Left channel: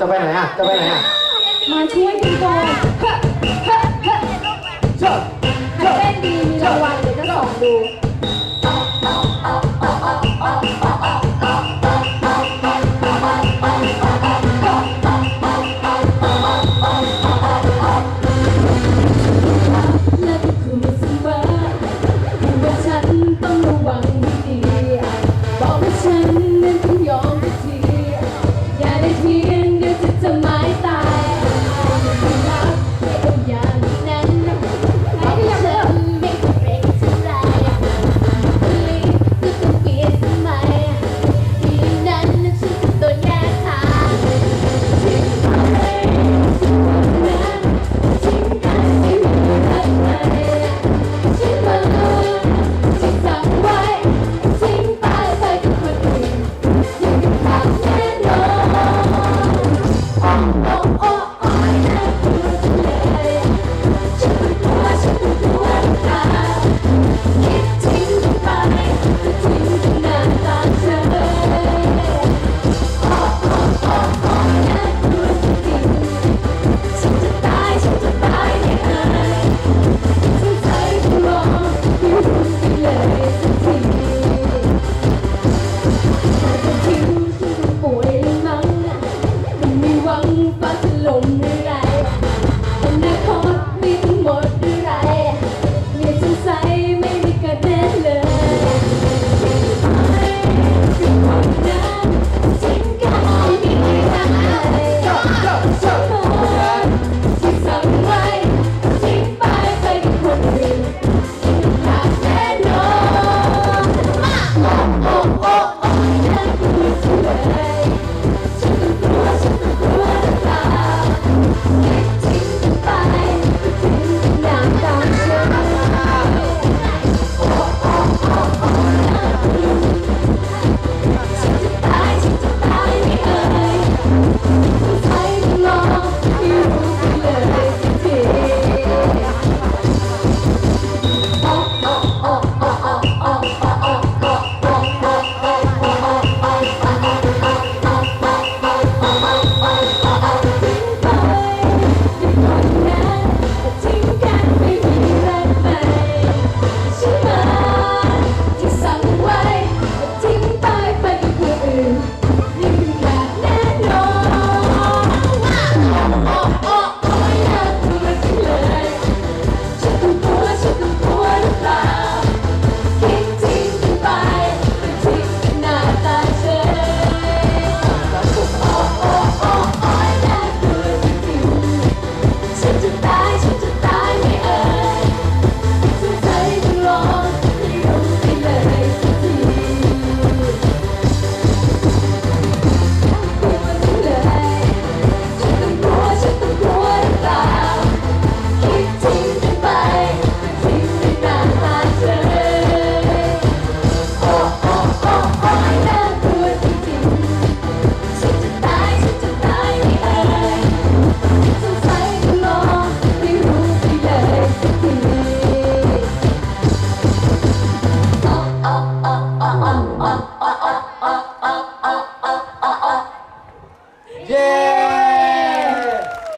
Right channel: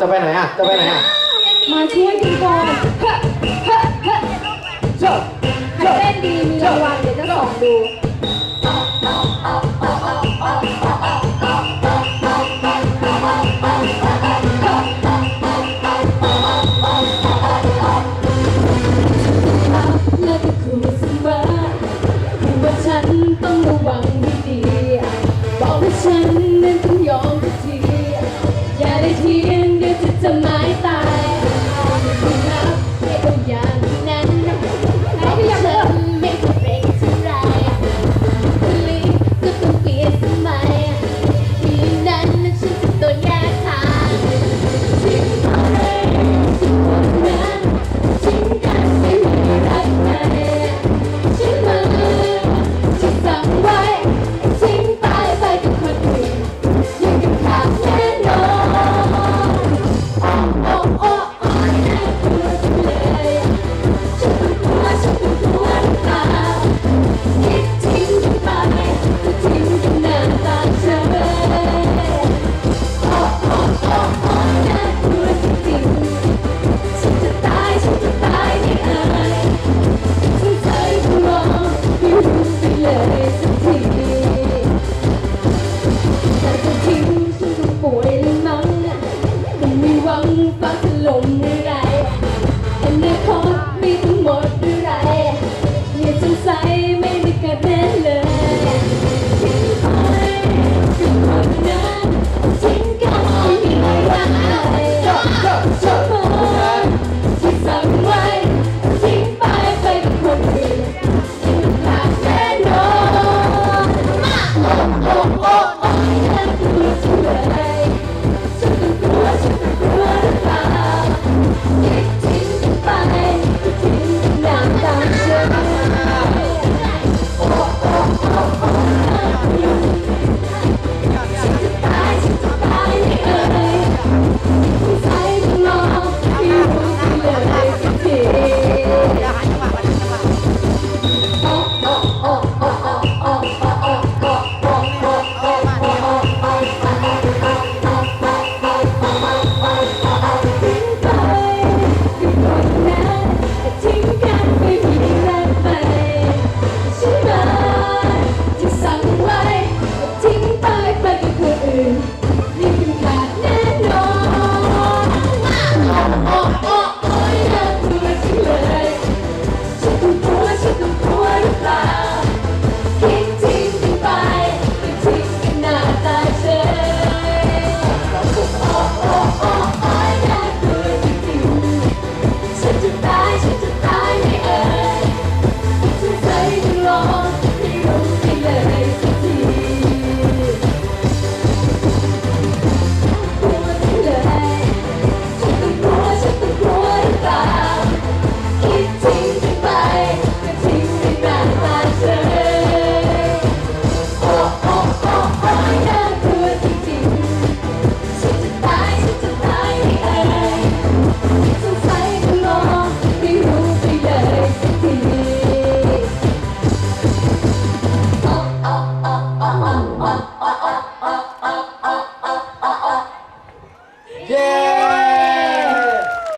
จะไปไหนอะ จะไปไหนอะมาช่วยพี่ก่อนถ้าเต้นดีมีรางวัลเดี๋ยวจะส่องดู 자.